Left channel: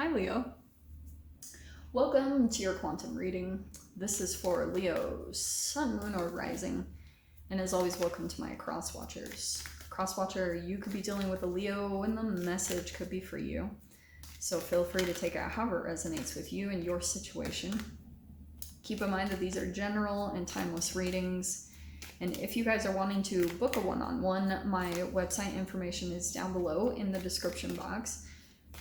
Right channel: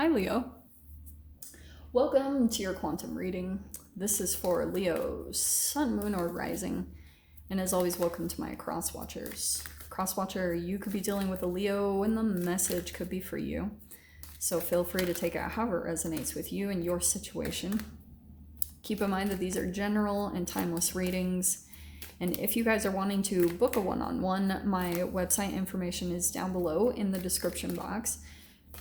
Hi, Leo. Welcome to your quantum reading. This is for Leo, Sun, Moon, or Rising. And as always, welcome to my cross watchers. Cross watcher, you could be dealing with a Leo, and the message could be for you. So feel free to take it however it resonates with you and your situation. Keep in mind that these are general and timeless readings. And if you guys are wanting to book a one-on-one, my website information is down below in the description box.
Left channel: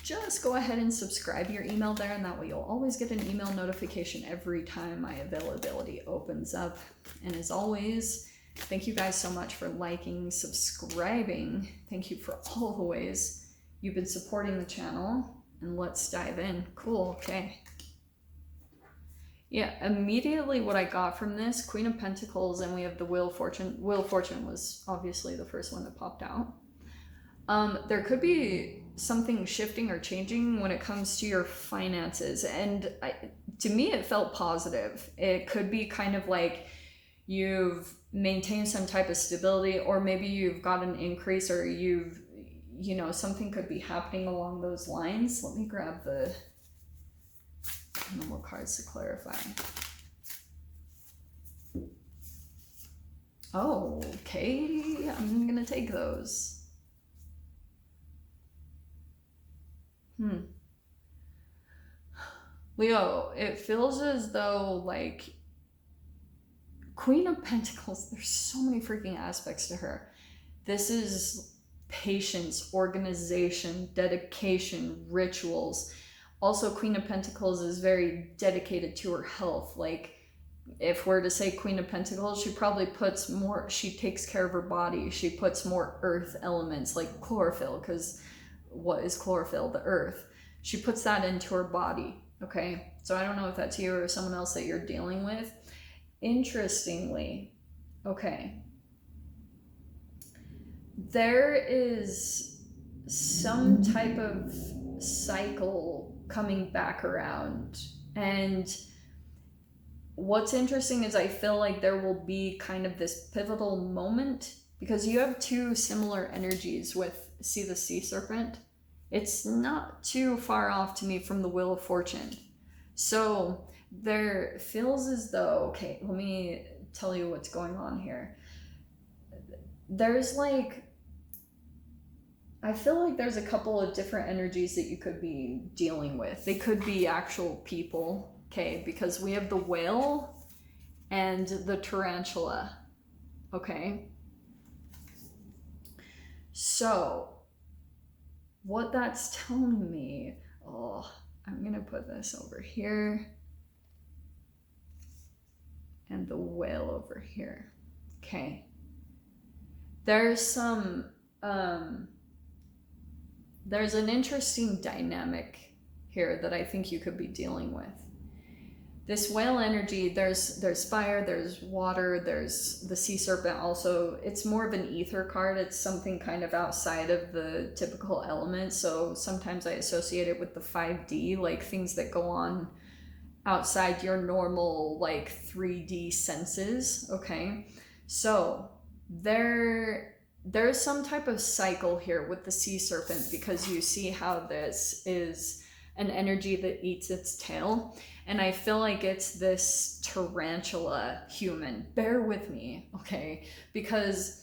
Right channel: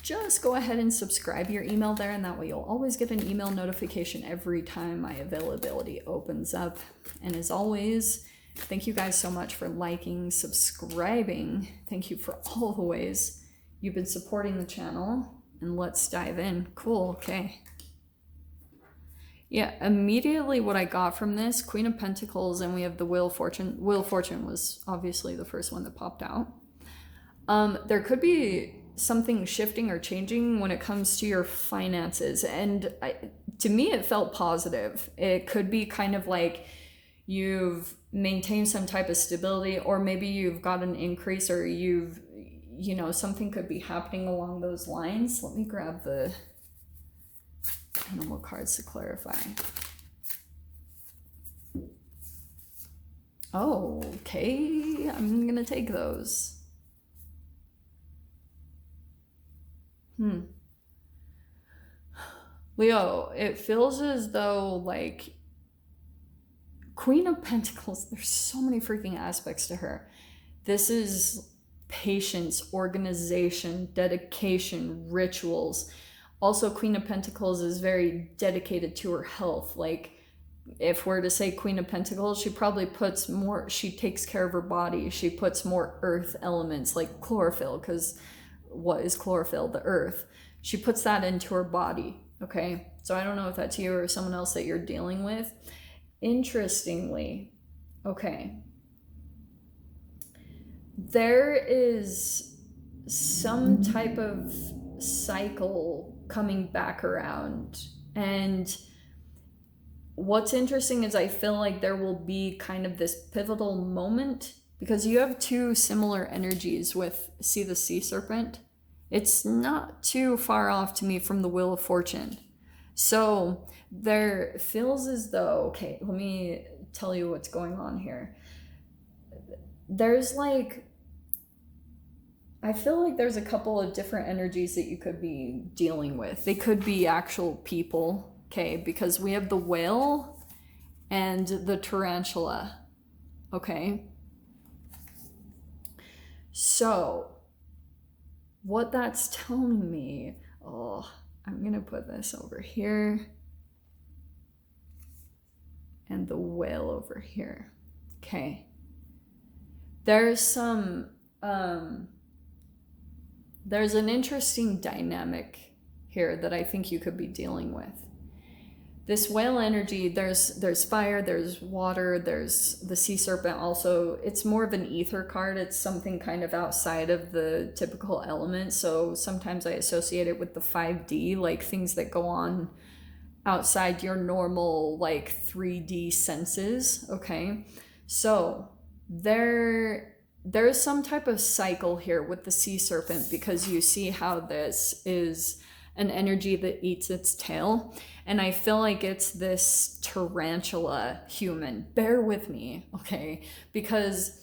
Just go ahead and subscribe your email there, and that way you'll always get an email notification every time my availability opens up. And as always, thank you guys so much for liking, subscribing. Thank you for all the ways you've been supporting the channel. And let's dive in. Cool, okay. Yeah, immediately what I got from this, Queen of Pentacles, and we have the Wheel of Fortune. Wheel of Fortune was obviously the first one that popped out. There could be something shifting or changing when it comes to your finances, and to me it felt positive. It could be kind of like you've maintained some type of stability, or maybe you've got an increase, or something could be happening along those lines. Let me grab the animal cards to clarify. Oh, okay, I'm gonna take those. Leo, it feels as though, like, Queen of Pentacles, there's so many freaking aspects to her. This is patience, organization, dedication, rituals. Also, Queen of Pentacles is very dedicated to her health. Like, if we're to say Queen of Pentacles, she probably puts more, she takes care of her body. She puts more earth elements like chlorophyll, because what is chlorophyll? The earth. She puts that into her body, okay? So I don't know if that's you or someone else that you're dealing with. Interestingly, okay, there is some type of cycle coming back around. And what's interesting is I feel like there will be kind of this pivotal moment, because you have two similar energies with, see the sea serpent? It's not too far off to me from the Wheel of Fortune. So there feels as though, okay, let me tell you what's going on here. There's like, I feel like there's a couple of different energies that you could be dealing with. They could be actual people, okay, because we have the whale and the tarantula, okay? So what that's telling me, I'm gonna put this over here and the whale over here. Okay, there's some there's an interesting dynamic here that I think you could be dealing with. This whale energy, there's fire, there's water, there's the sea serpent also. It's more of an ether card. It's something kind of outside of the typical element. So sometimes I associate it with the 5D, like things that go on outside your normal like 3D senses, okay? So there's some type of cycle here with the sea serpent, because you see how this is an energy that eats its tail. And I feel like it's this tarantula human. Bear with me, okay? Because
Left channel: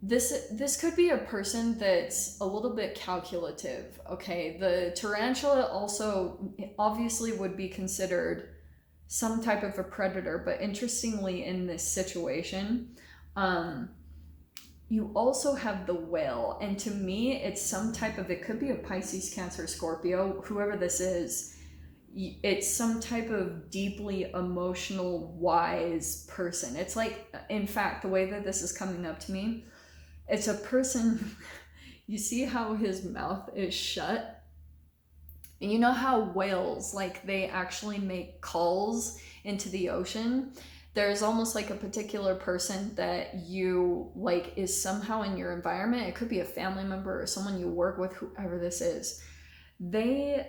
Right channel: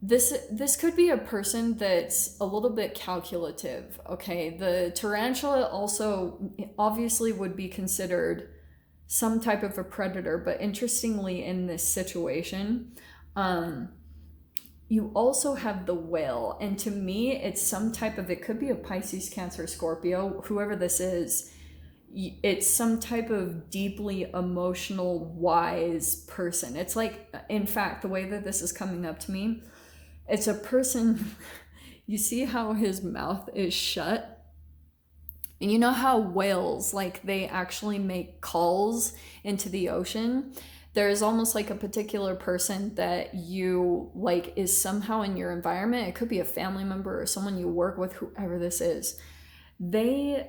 this could be a person that's a little bit calculative, okay? The tarantula also obviously would be considered some type of a predator, but interestingly in this situation, you also have the whale. And to me, it's some type of, it could be a Pisces, Cancer, Scorpio, whoever this is. It's some type of deeply emotional, wise person. It's like, in fact, the way that this is coming up to me, it's a person, you see how his mouth is shut? And you know how whales, like, they actually make calls into the ocean? There's almost like a particular person that you like is somehow in your environment. It could be a family member or someone you work with, whoever this is. They,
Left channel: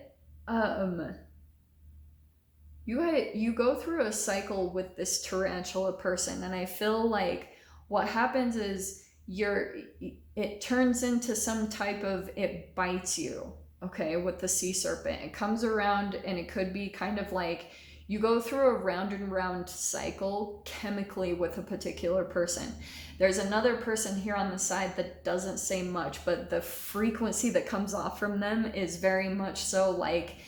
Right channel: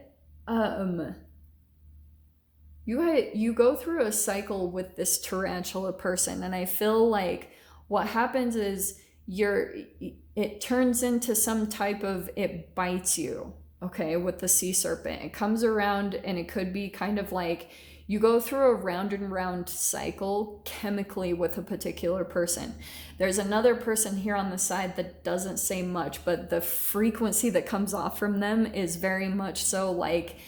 you go through a cycle with this tarantula person, and I feel like what happens is it turns into some type of, it bites you, okay, with the sea serpent. It comes around and it could be kind of like you go through a round and round cycle chemically with a particular person. There's another person here on the side that doesn't say much, but the frequency that comes off from them is very much so like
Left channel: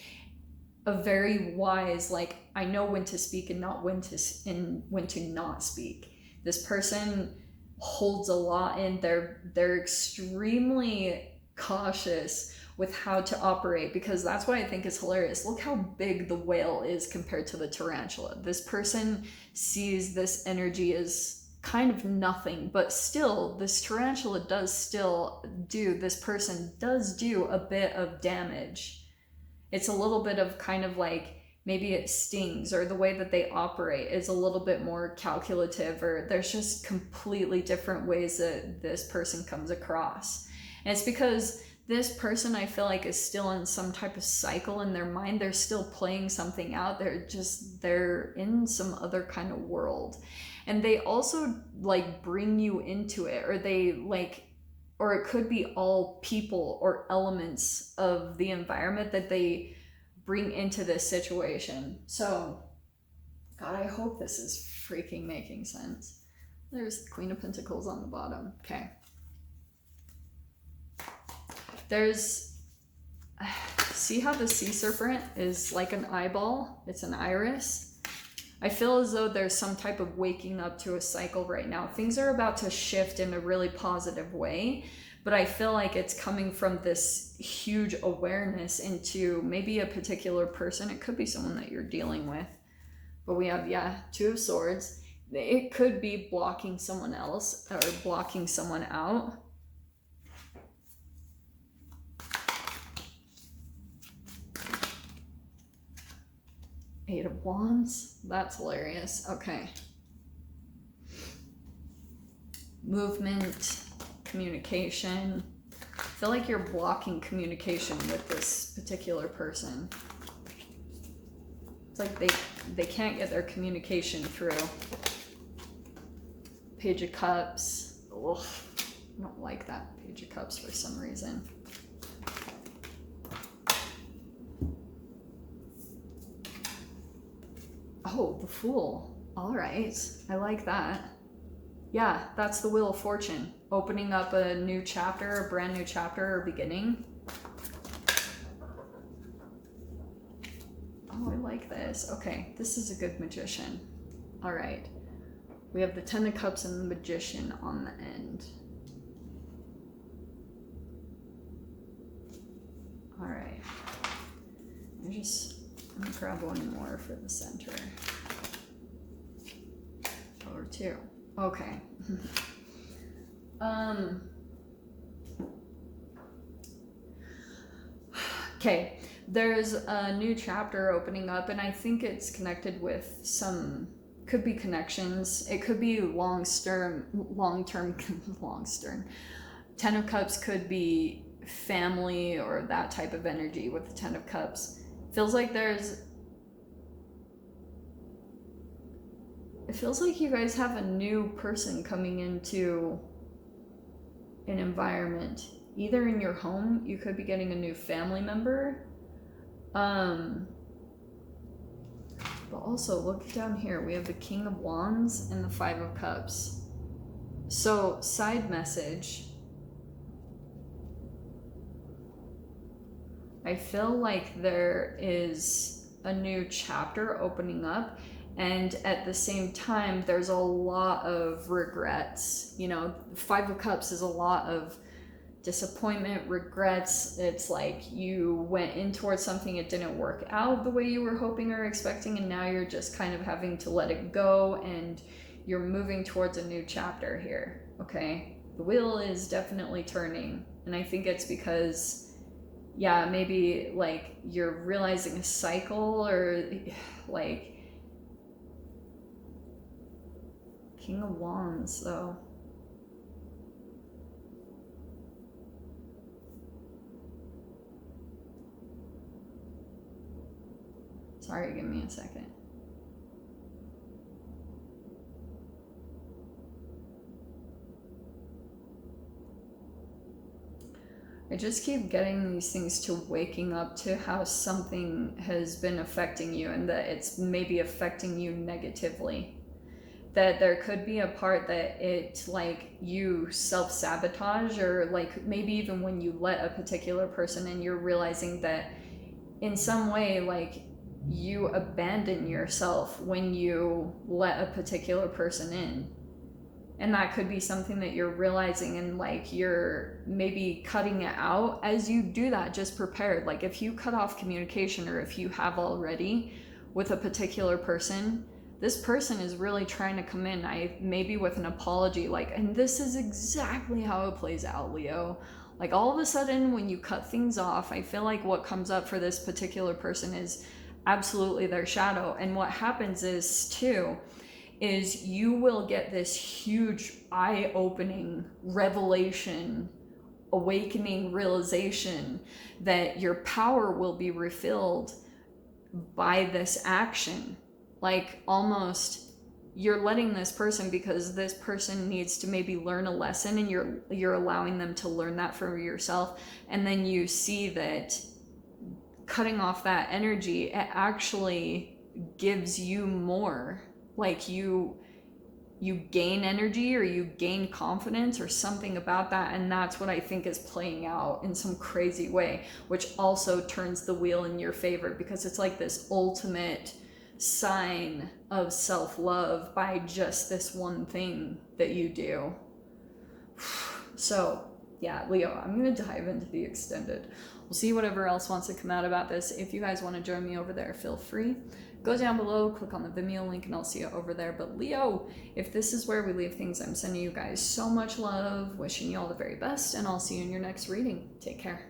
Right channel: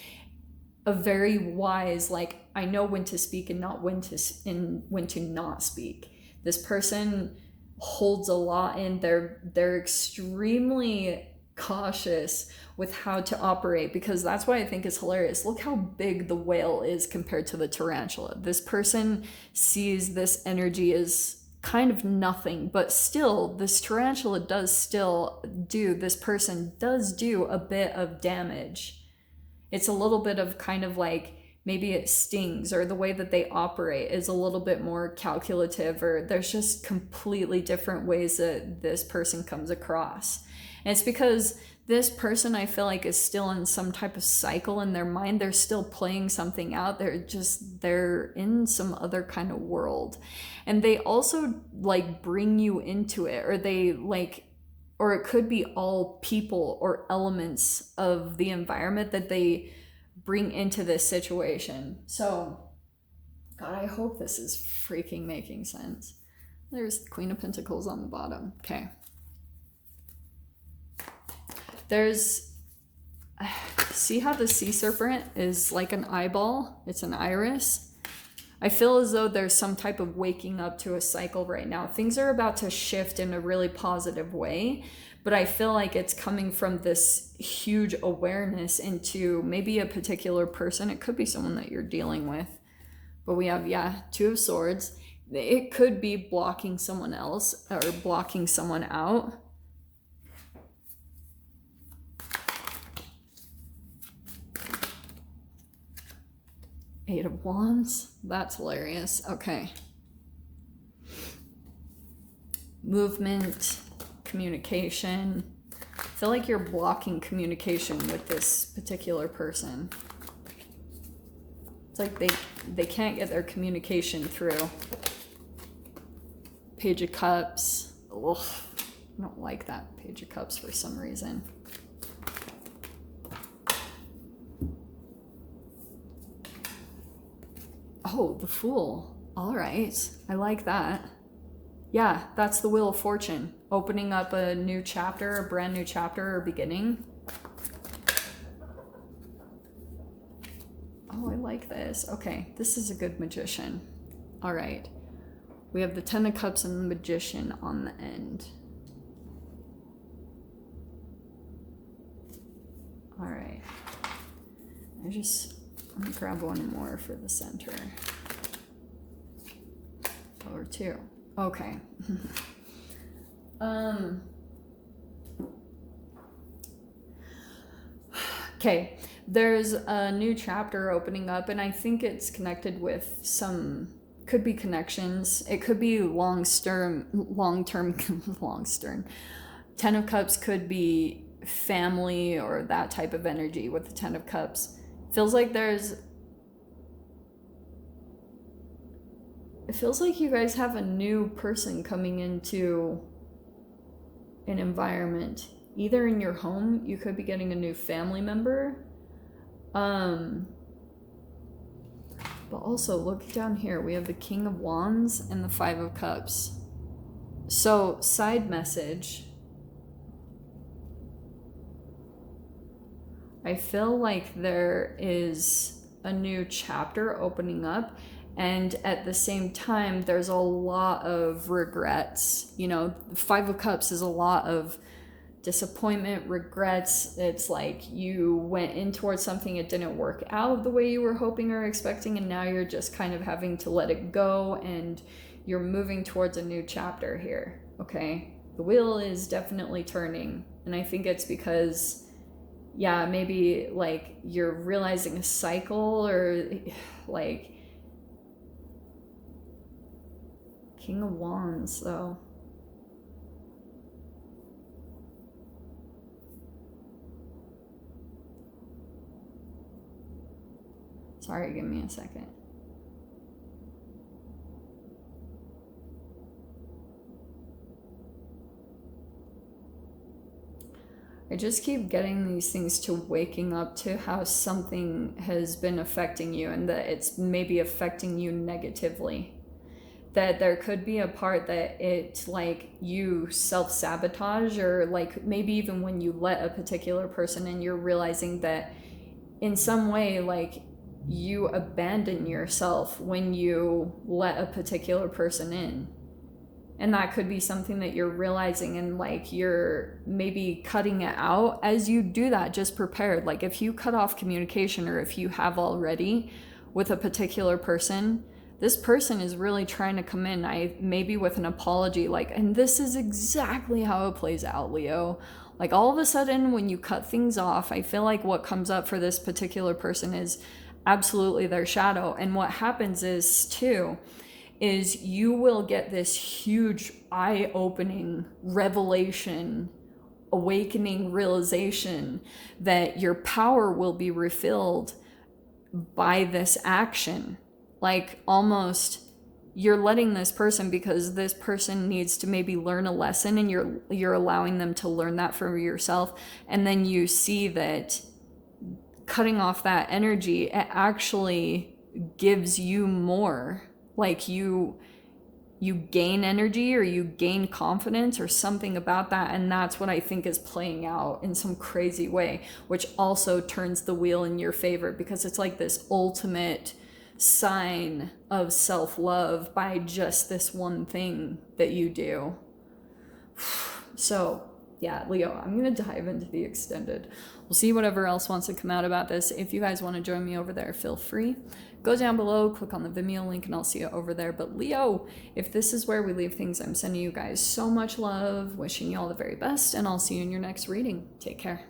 a very wise, like, I know when to speak and not when to not speak. This person holds a lot in. They're extremely cautious with how to operate, because that's what I think is hilarious. Look how big the whale is compared to the tarantula. This person sees this energy as kind of nothing, but still this tarantula this person does do a bit of damage. It's a little bit of kind of like, maybe it stings, or the way that they operate is a little bit more calculative, or there's just completely different ways that this person comes across. And it's because this person, I feel like, is still in some type of cycle in their mind. They're still playing something out. They're in some other kind of world. And they also like bring you into it, or it could be all people or elements of the environment that they bring into this situation. So, God, I hope this is freaking making sense. There's the Queen of Pentacles on the bottom. Okay. See how the sea serpent is like an eyeball? It's an iris. I feel as though there's some type of waking up to a cycle right now. Things are about to shift in a really positive way, but I feel like it's coming from this huge awareness into maybe a particular person. It could be someone that you're dealing with. But we have, Two of Swords. It could be blocking someone else or blocking someone out. Eight of Wands. That's hilarious. Okay. Movement, communication. I feel like you're blocking communication with this particular person. It's like they can't get their communication through. Page of Cups. Ugh, I don't like that Page of Cups for some reason. Oh, the Fool. All right. I like that. Yeah, that's the Wheel of Fortune. Opening up a new chapter, a brand new chapter or beginning. Oh, I like this. Okay, this is a good Magician. All right. We have the Ten of Cups and the Magician on the end. All right. I'm gonna grab one more for the center. Or two. Okay. Okay. There's a new chapter opening up, and I think it's connected with could be connections. It could be long-term. Ten of Cups could be family or that type of energy with the Ten of Cups. Feels like it feels like you guys have a new person coming into an environment. Either in your home, you could be getting a new family member. But also, look down here. We have the King of Wands and the Five of Cups. So, side message. I feel like there is a new chapter opening up, and at the same time, there's a lot of regrets. You know, Five of Cups is a lot of disappointment, regrets. It's like you went in towards something, it didn't work out the way you were hoping or expecting, and now you're just kind of having to let it go, and you're moving towards a new chapter here, okay? The wheel is definitely turning, and I think it's because, maybe like you're realizing a cycle, or like King of Wands, though. Sorry, give me a second. I just keep getting these things to waking up to how something has been affecting you and that it's maybe affecting you negatively. That there could be a part that it's like you self-sabotage, or like maybe even when you let a particular person in, you're realizing that in some way, like, you abandon yourself when you let a particular person in. And that could be something that you're realizing, and like you're maybe cutting it out. As you do that, just prepared. Like if you cut off communication, or if you have already with a particular person, this person is really trying to come in, maybe with an apology, like, and this is exactly how it plays out, Leo. Like all of a sudden when you cut things off, I feel like what comes up for this particular person is absolutely their shadow. And what happens is too, is you will get this huge eye-opening revelation, awakening realization that your power will be refilled by this action. Like almost you're letting this person, because this person needs to maybe learn a lesson, and you're allowing them to learn that for yourself. And then you see that cutting off that energy, it actually gives you more. Like you gain energy, or you gain confidence, or something about that. And that's what I think is playing out in some crazy way, which also turns the wheel in your favor, because it's like this ultimate sign of self-love by just this one thing that you do. So yeah, Leo, I'm gonna dive into the extended. We'll see whatever else wants to come out about this. If you guys want to join me over there, feel free. Go down below, click on the Vimeo link, and I'll see you over there. But Leo, if this is where we leave things, I'm sending you guys so much love, wishing you all the very best, and I'll see you in your next reading. Take care.